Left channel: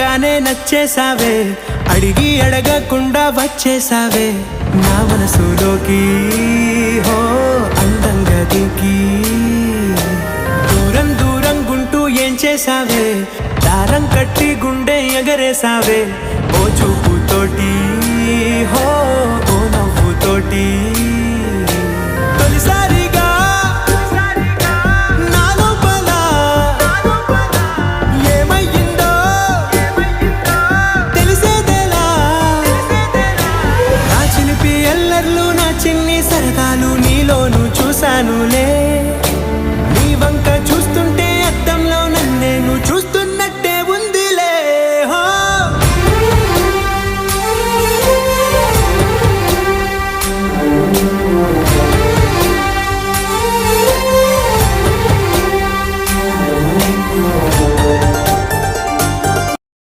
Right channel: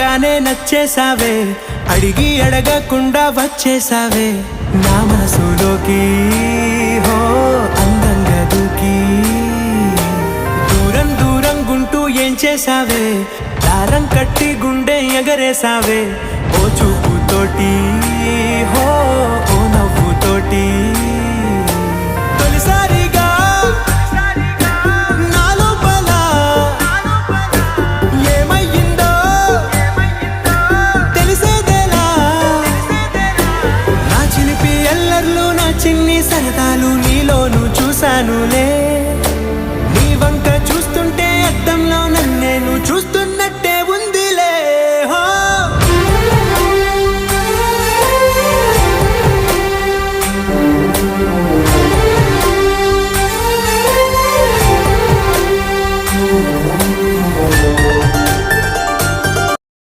చూడంగానే నచ్చేసావే, అడిగి అడగకుండా వచ్చేసావే నా మనసులోకి. హో అందంగా దూకి దూరం దూరం గుంటూ ఏం చేసావే, దారం కట్టి గుండె ఎగరేసావే ఓ చూపుతోటి. హో ఓ నవ్వుతోటి తొలిసారిగా నా లోపల ఏమయ్యిందో తెలిసేదేలా. నా చిలిపి ఎల్లర్లు నా చిన్ని సరదాలు నీలోను చూశానులే. నీ వంక చూస్తుంటే అద్దంలో నన్నేను చూస్తూ